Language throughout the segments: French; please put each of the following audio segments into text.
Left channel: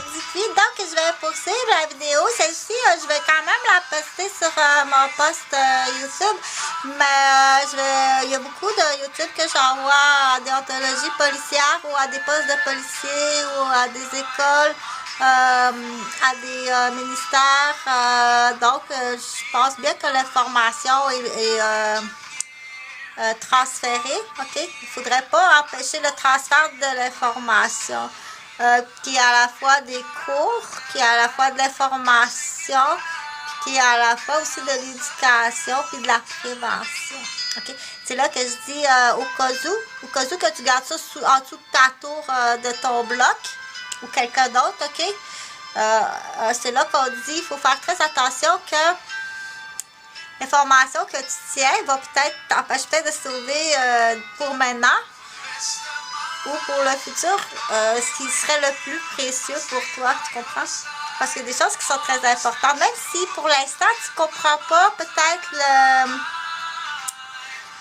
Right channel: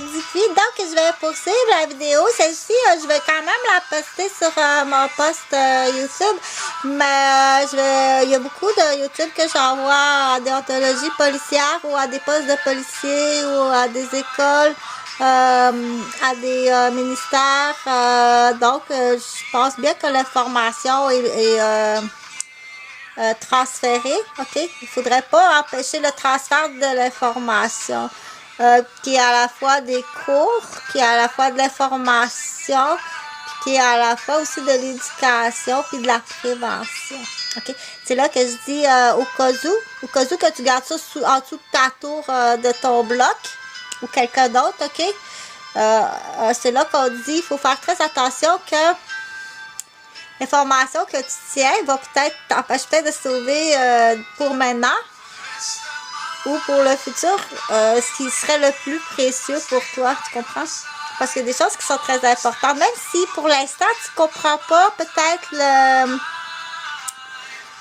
Dites-lui. Donc, je vais poursuivre la vidéo. Celle-ci, je vais quand même la poster sur mon post YouTube. Mais il y a beaucoup de YouTube que j'envoie à des déontologie policière ou à des postes de policiers ou à des écoles, à des ministères. Donc, je pense bien que l'information est transférée. OK? Il ne faudrait pas empêcher le transfert de l'information. Qui est à la fois des cours, qui est à la fois de l'information, puis qui est à la fois aussi de l'éducation, puis de la prévention. OK? C'est là que je dis au cas où que tu gardes ça en dessous de ta tour de ton bloc, ou quelqu'un d'autre, OK? C'est là qu'on dit, il faut faire très attention que l'information que tu tiens va peut-être t'empêcher de sauver pour maintenant, ou pour le futur, ce qui serait le plus précieux pour toi, tu comprends? Parce qu'il y a des choses qui sont très importantes, même si pour l'instant, tu comprends pas peut-être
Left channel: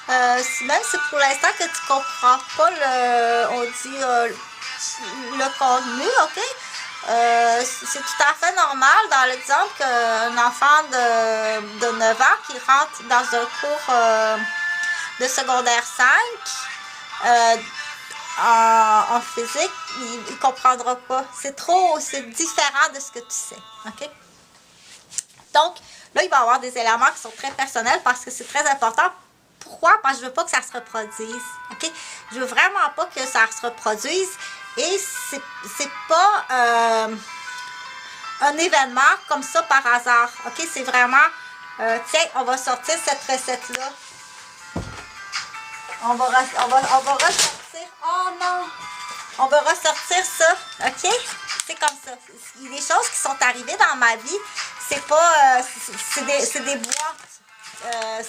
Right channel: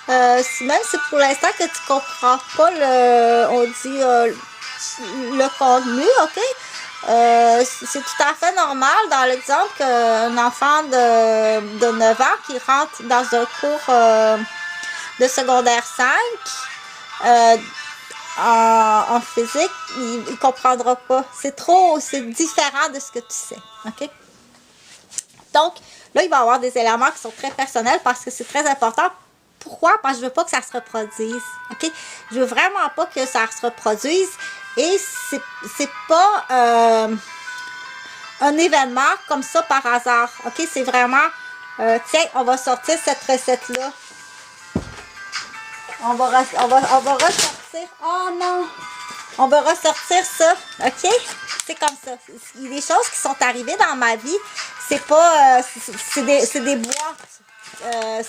même si pour l'instant que tu comprends pas le contenu, OK? C'est tout à fait normal dans l'exemple qu'un enfant de 9 ans qui rentre dans un cours de secondaire 5, en physique, il comprendra pas. C'est différent de ce que tu sais. OK? Donc, là, il va y avoir des éléments qui sont très personnels parce que c'est très important. Pourquoi? Parce que je veux pas que ça se reproduise. OK? Je veux vraiment pas que ça se reproduise. Et c'est pas un événement comme ça par hasard. OK? C'est vraiment, tiens, on va sortir cette recette-là. On va ressortir. Oh non! On va ressortir ça. OK? C'est comme ça. Il y a des choses qui sont arrivées dans ma vie. C'est pas... c'est des boîtes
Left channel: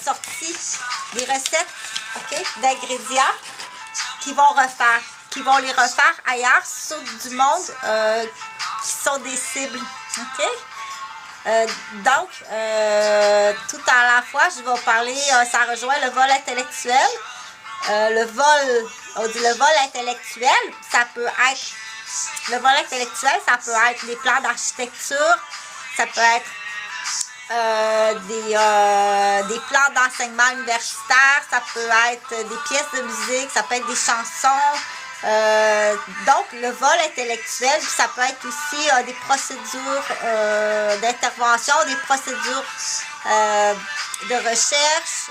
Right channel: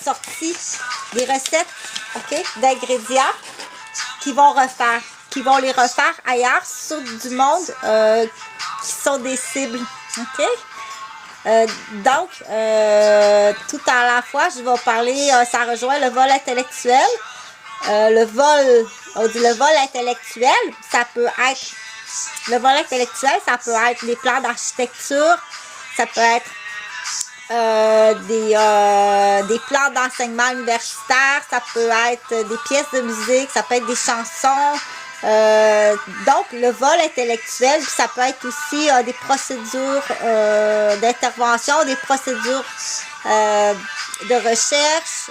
sorties. Des recettes, OK? D'ingrédients qui vont les refaire ailleurs sur du monde qui sont des cibles. OK? Donc, tout à la fois, je vais parler, ça rejoint le vol intellectuel. On dit le vol intellectuel, le vol intellectuel, ça peut être des plans d'architecture, ça peut être des plans d'enseignement universitaire, ça peut être des pièces de musique, ça peut être des chansons. Donc, le vol intellectuel, ça peut être aussi des procédures d'intervention, des procédures de recherche.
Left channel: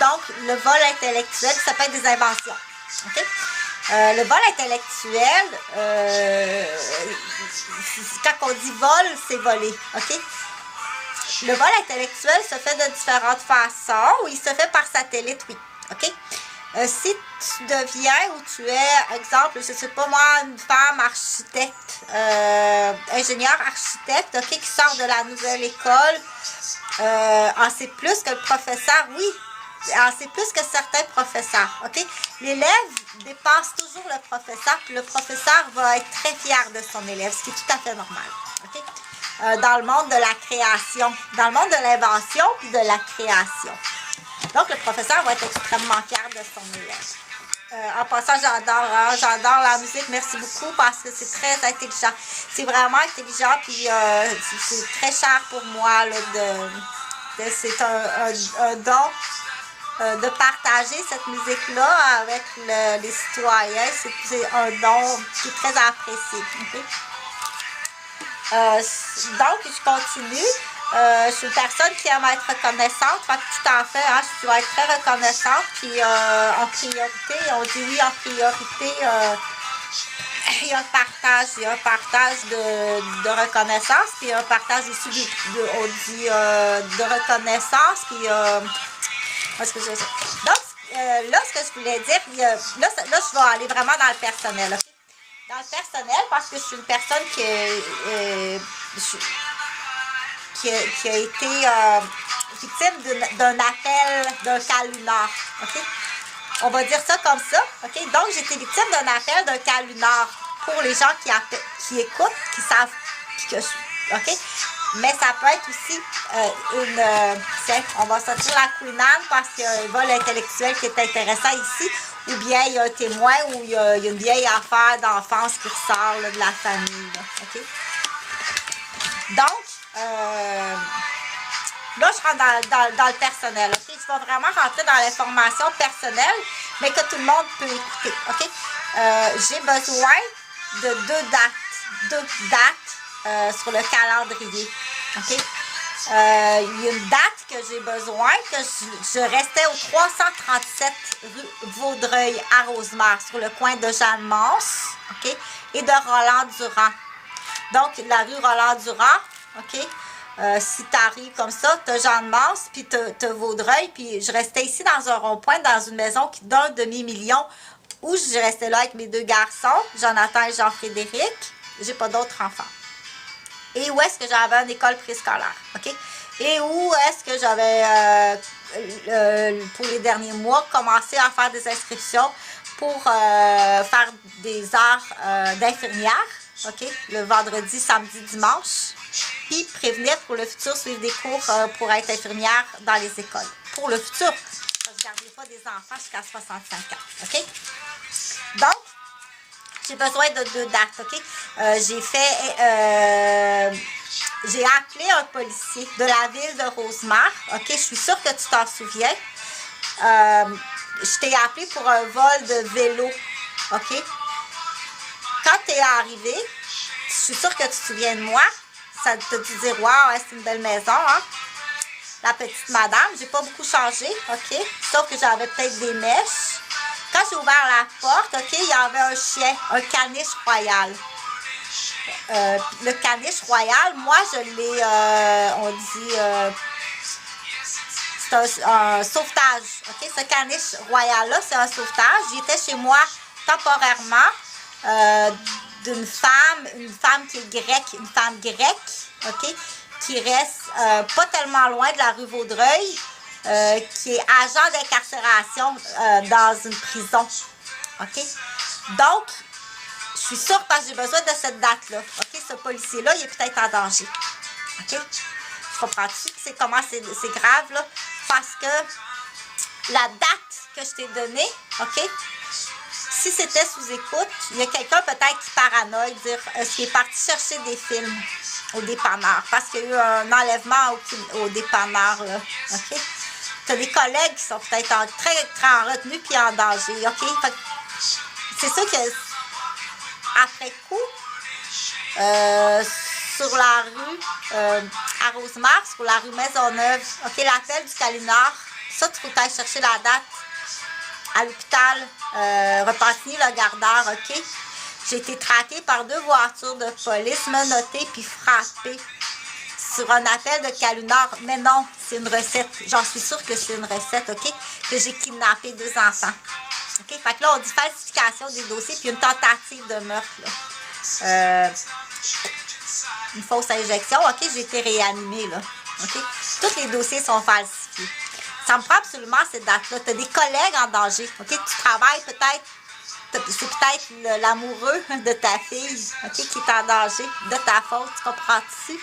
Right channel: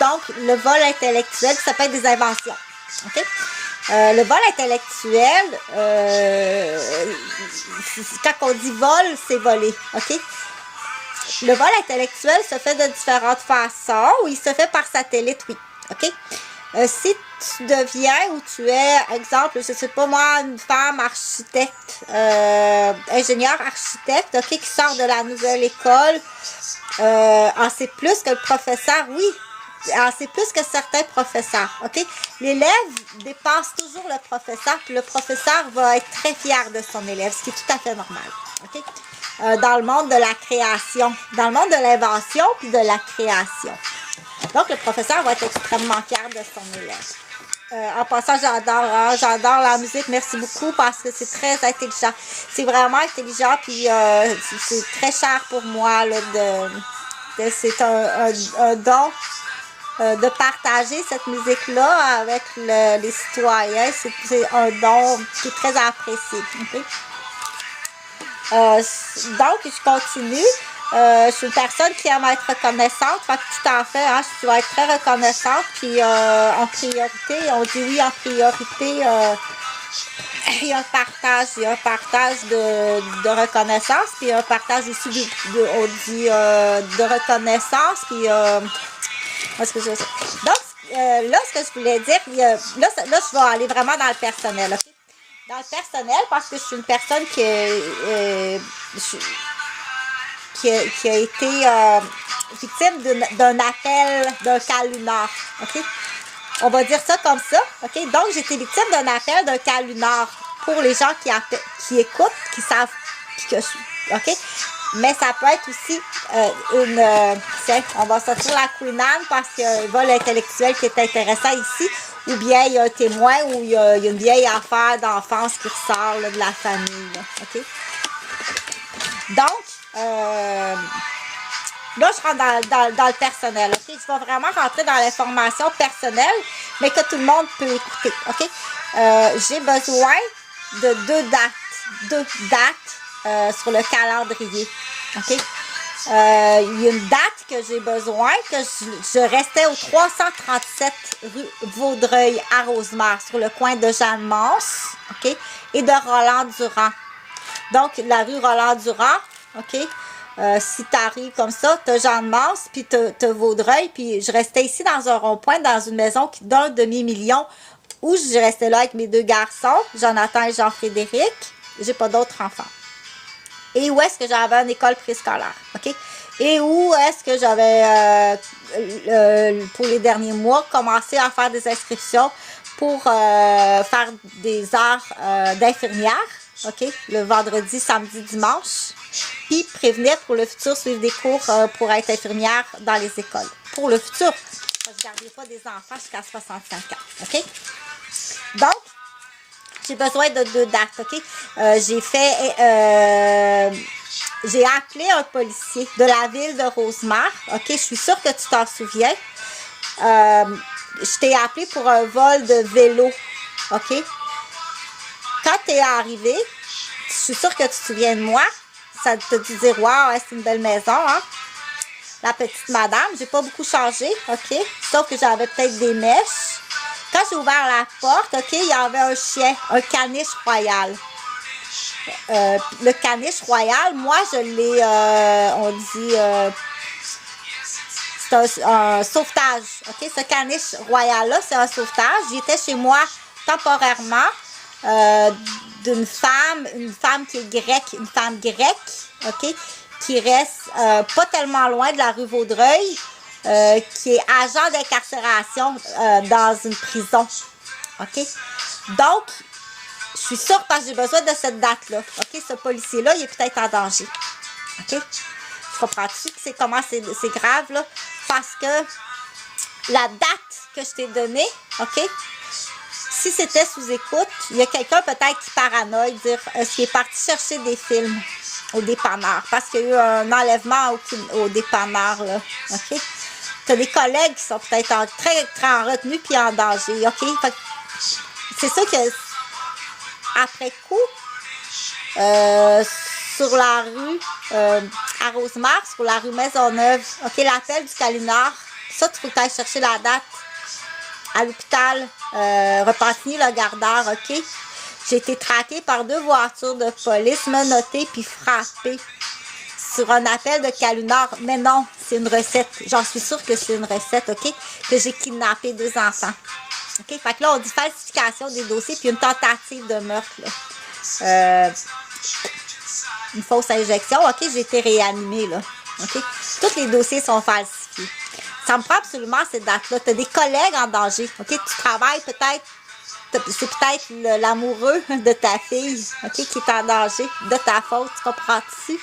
Donc, le vol intellectuel, ça peut être des inventions. OK? Le vol intellectuel, quand on dit vol, c'est voler. OK? Le vol intellectuel se fait de différentes façons, ou il se fait par satellite, oui. OK? Si tu deviens ou tu es, exemple, je sais pas moi, une femme architecte, ingénieur architecte, OK, qui sort de la nouvelle école, en sait plus que le professeur, oui, en sait plus que certains professeurs, OK? L'élève dépasse toujours le professeur, puis le professeur va être très fier de son élève, ce qui est tout à fait normal, OK? Dans le monde de la création, dans le monde de l'invention, puis de la création. Donc, le professeur va être extrêmement fier de son élève. En passant, j'adore la musique. Merci beaucoup parce que c'est très intelligent. C'est vraiment intelligent, puis c'est très cher pour moi. Là, c'est un don de partager cette musique-là avec les citoyens. C'est un don qui est très apprécié. Okay? Donc, je continue. Je suis une personne qui aime être reconnaissante. Fait que tout en fait, hein, je dois être très reconnaissante. Puis en priorité, on dit oui en priorité. Il y a un partage de reconnaissance, puis un partage aussi on dit de reconnaissance, puis est-ce que donc là, ce que je voulais dire, là, je vais aller vraiment dans le personnel, okay? Dans le personnel, parce que je suis une personne qui a été victime d'un appel d'un cas lunaire, ok? On va dire ça comme ça, ok? Donc, j'ai été victime d'un appel d'un cas lunaire pour les gens qui écoutent, qui savent qui que je suis, ok? Mais ça peut être aussi tiens, on va sortir la Queen Anne parce qu'il y a un vol intellectuel qui est intéressant ici, ou bien il y a un témoin ou il y a une vieille affaire d'enfance qui ressort là, de la famille. Là, OK? Donc, là, je rentre dans le personnel. OK? Je vais vraiment rentrer dans l'information personnelle, mais que tout le monde peut écouter. OK? J'ai besoin de deux dates sur le calendrier. OK? Il y a une date que j'ai besoin, que je restais au 337 rue Vaudreuil à Rosemère, sur le coin de Jeanne-Mance, OK, et de Roland-Durand. Donc, la rue Roland-Durand, OK, si tu arrives comme ça, tu as Jeanne-Mance, puis tu as Vaudreuil, puis je restais ici dans un rond-point, dans une maison d'un demi-million, où je restais là avec mes deux garçons, Jonathan et Jean-Frédéric. J'ai pas d'autres enfants. Et où est-ce que j'avais une école préscolaire, OK? Et où est-ce que j'avais, pour les derniers mois, commencé à faire des inscriptions pour faire des heures d'infirmière, OK? Le vendredi, samedi, dimanche. Puis prévenir pour le futur, suivre des cours pour être infirmière dans les écoles. Pour le futur, je ne garderai pas des enfants jusqu'à 65 ans, OK? Donc, j'ai besoin de deux dates, OK? J'ai appelé un policier de la ville de Rosemère, OK? Je suis sûre que tu t'en souviens. Je t'ai appelé pour un vol de vélo, OK? Quand tu es arrivé, je suis sûre que tu te souviens de moi. Ça te dit dire, wow, c'est une belle maison, hein? La petite madame, j'ai pas beaucoup changé, OK? Sauf que j'avais peut-être des mèches. Quand j'ai ouvert la porte, OK, il y avait un chien, un caniche royal. Le caniche royal, moi, je l'ai, on dit, c'est un sauvetage, OK? Ce caniche royal-là, c'est un sauvetage. J'étais chez moi temporairement d'une femme, une femme qui est grecque, une femme grecque, OK? Qui reste pas tellement loin de la rue Vaudreuil, qui est agent d'incarcération dans une prison. OK? Donc, je suis sûre parce que j'ai besoin de cette date-là. OK? Ce policier-là, il est peut-être en danger. OK? Tu comprends-tu que c'est grave, là? Parce que la date que je t'ai donnée, OK? Si c'était sous écoute, il y a quelqu'un peut-être qui paranoïe, dire est-ce qu'il est parti chercher des films au dépanneur? Parce qu'il y a eu un enlèvement au dépanneur, là. OK? Tu as des collègues qui sont peut-être très en retenue puis en danger, OK? Fait que c'est sûr que après coup, sur la rue à Rosemère, sur la rue Maisonneuve, OK, l'appel du Calinard, ça, tu faut aller chercher la date à l'hôpital Repentigny-le-Gardeur, OK? J'ai été traquée par 2 voitures de police, menottée puis frappée sur un appel de Calinard. Mais non, c'est une recette. J'en suis sûre que c'est une recette, OK? Que j'ai kidnappé 2 enfants. OK? Fait que là, on dit falsification des dossiers puis une tentative de meurtre, là. Une fausse injection, OK? J'ai été réanimée, là. OK? Tous les dossiers sont falsifiés. Ça me prend absolument cette date-là. Tu as des collègues en danger, OK? Tu travailles peut-être, c'est peut-être l'amoureux de ta fille, OK? Qui est en danger, de ta faute, tu comprends-tu?